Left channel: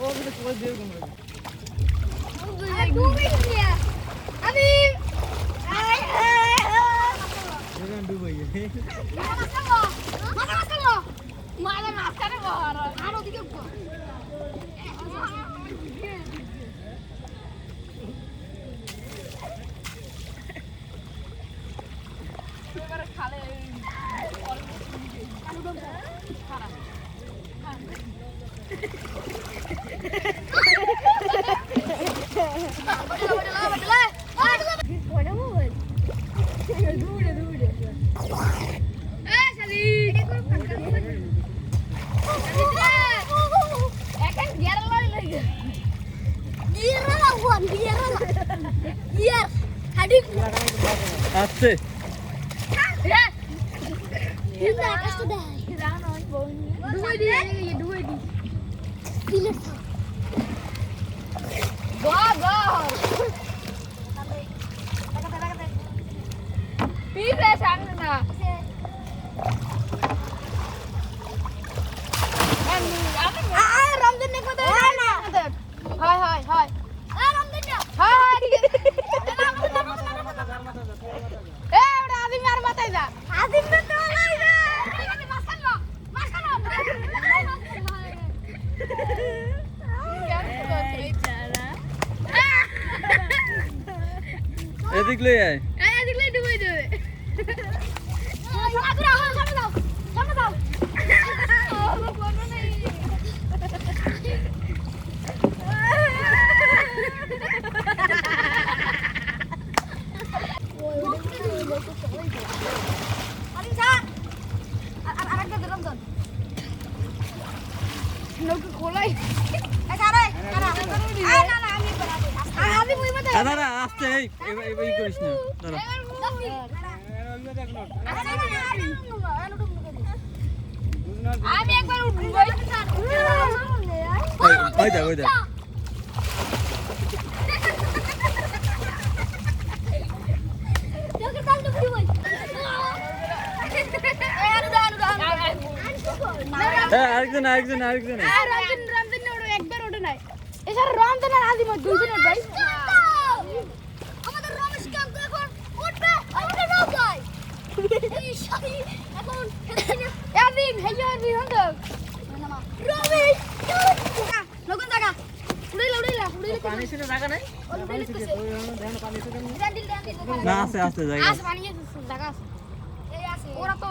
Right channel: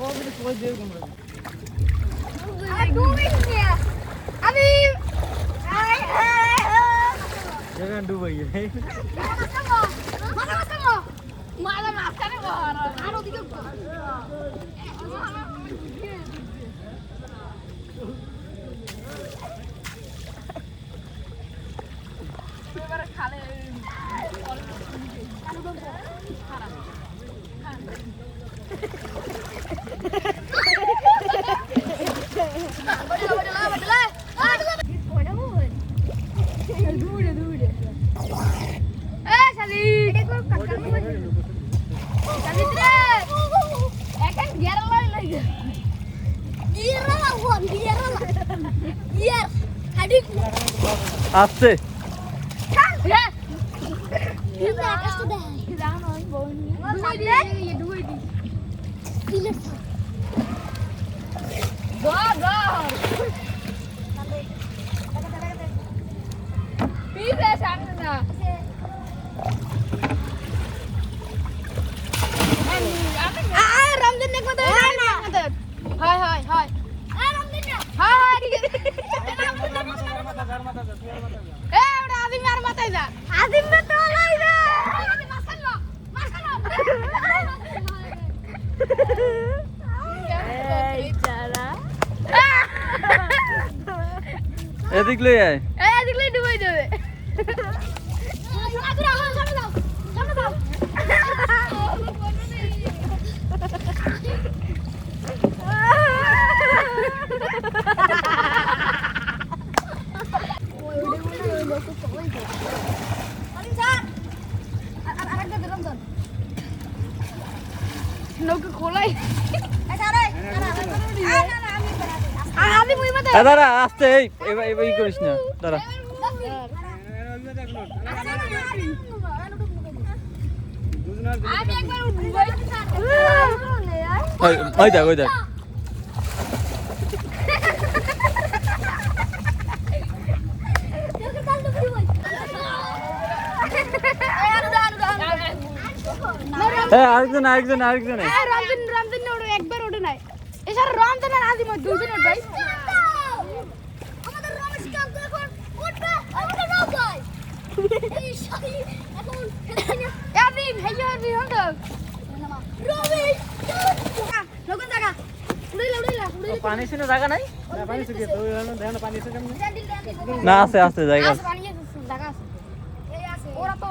খালে খারাপ আসছে। হ্যাঁ। হ্যাঁ। এদিক লই আয়। এদিক লই ডুবাই দেবে দাঁড়া আস্তে এই এবার ই করিস না দাঁড়া। ওই দেখ ওই দেখ। হ্যাঁ আরেকজন আরেকজন আরেকজন। আর আদিম দুইজনে ভাই আমাদের রমেশ নাই? হ্যাঁ, না আছে আছে জায়গা ওরা তো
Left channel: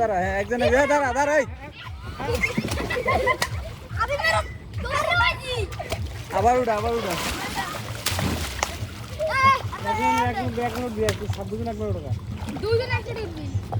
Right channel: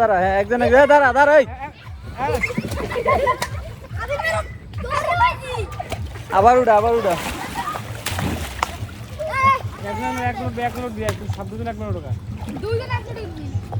দাঁড়া হ্যাঁ একজনে হ্যাঁ দাঁড়া দাঁড়া আবার উঠা আবার উঠা। দুজন একশো টাকা